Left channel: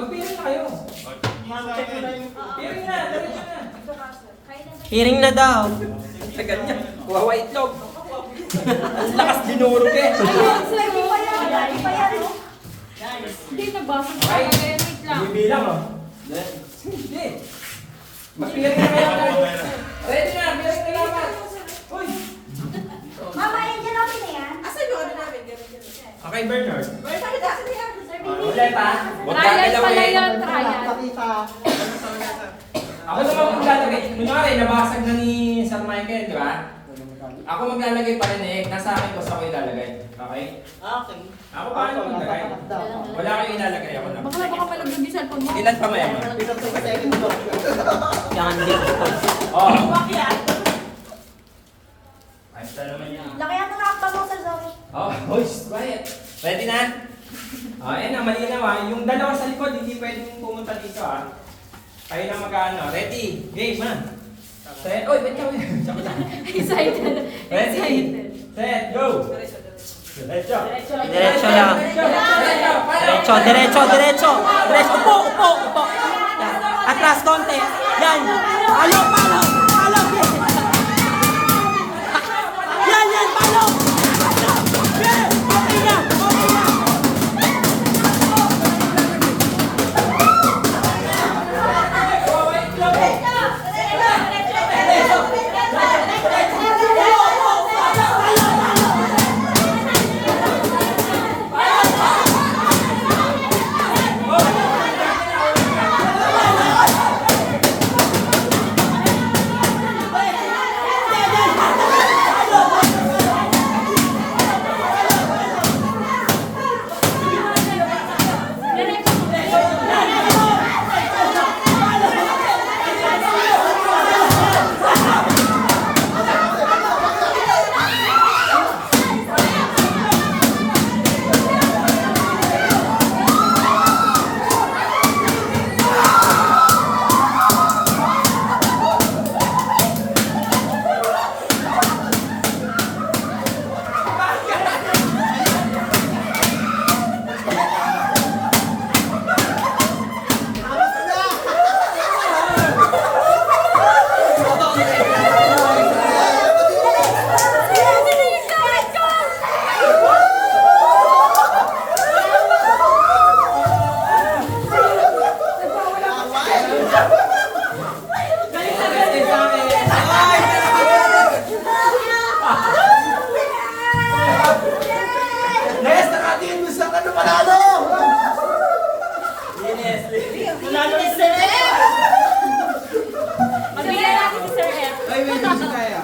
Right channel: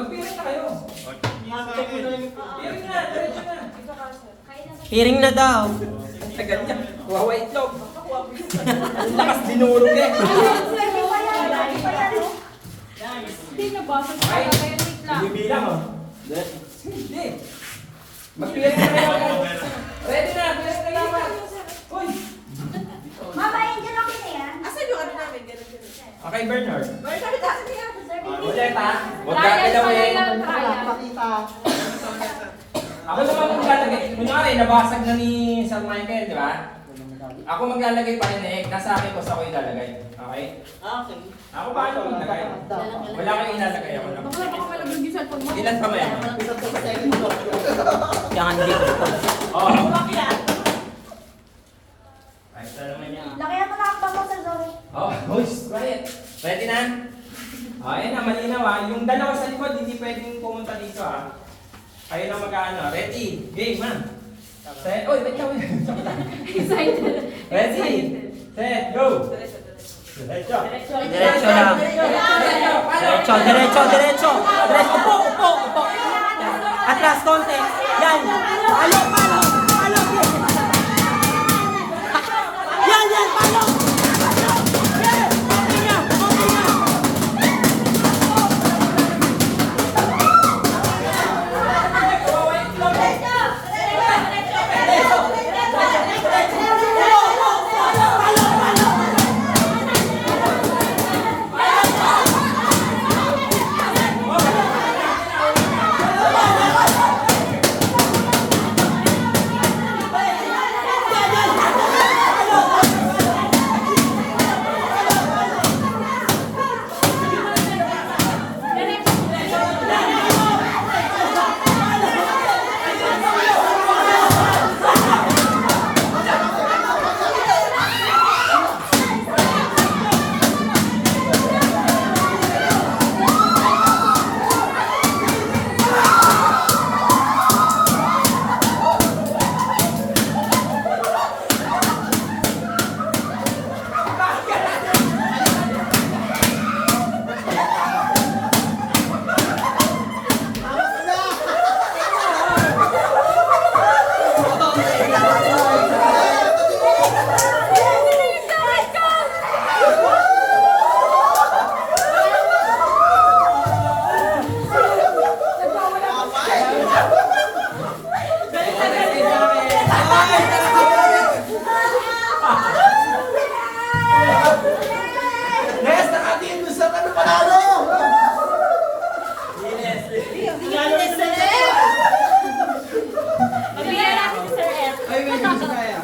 magpiring na kayo. Piring na, diretso na. Hearing na daw. Sa ganyan, kuha white itlog. Ang lakas dinurog eh. Hindi na ba? Ay, bibilang oh. Hindi. Magpiring na kayo. Ready na, bilang na lang naman. Uy! Mama, Angel, okay na yan? Asan yung ano namin? Ganun. Okay, Bernard. Sabi na, sabi na. Ulit ha. Huwag Trial gagalaw pala eh. yan, trial. Ako naman maglalagay. Kunwari, nabasag na ni Sir Michael, di ba? Ako maglalagay pa rin eh. Nasa akin ko sa ako ilalagay. Okay? Okay. Ako pa rin maglagay. Wala kang ilalagay ako na. Baka malaglag yung cellphone mo. Ilan pa mayaman? Kailangan dito. Oh. Ayos na naman yan. Lakayan mo na akta mo sa Zoe. Oh, boys, quiet. Ready na? Oh, ayan na, malinaw ha. Yung dalawa sa likod, hindi pwedeng pumunta dito ha. Kayo na mag-ano. Ready? Game ha. Set. Oy, ba't ka? Joke lang. Excited. Ready? Set, go! Diretso. Diretso lang. Diretso, diretso, diretso. Diretso, upo, upo, upo. Atras konti. Yan. Palo, palo, palo. Yan, yan, palo. Yan, okay na, okay na. Yes, nakatingin mo sa ano panalo! Yes. Magbigyan natin si Sir F. Ay, may gusto kaya.